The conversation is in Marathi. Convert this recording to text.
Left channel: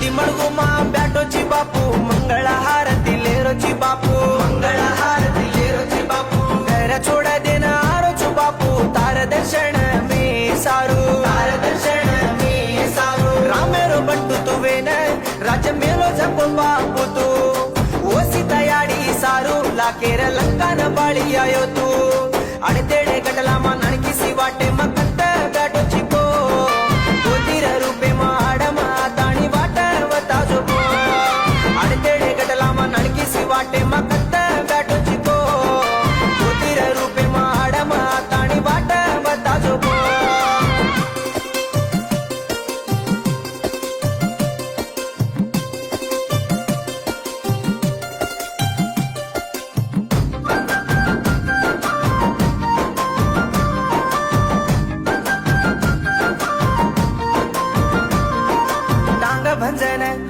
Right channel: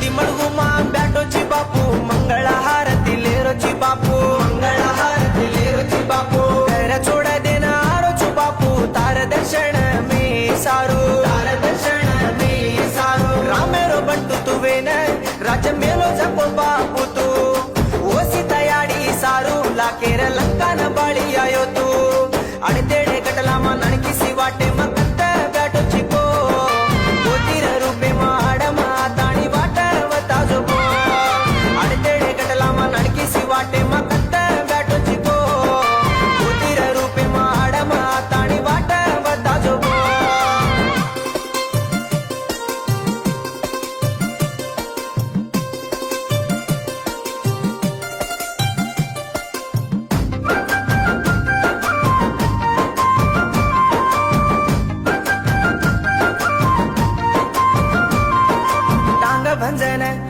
दी मळगू मा ब्याटोची बापू मंगळ हारती लेरोची बापू मंगळ हारती लेरोची बापू घर छोड़ देना आरोचू बापू तार दर्शन में सारू तार दर्शन में सारू रामेरो बंटू तुवेन राज मेलो जप बापू तू ओसी तयारी सारू लाकेर लंकान बाळी आयो तू आणि तेडे गटला मा नणकिसी वाटे मा कत्त ब्याटोची को गोतीर रूपे मा आडमा ताणी वाटवता जोबो आणि तेडे गटला मा नणकिसी वाटे मा कत्त ब्याटोची को गोतीर रूपे मा आडमा ताणी वाटवता जोबो भंजन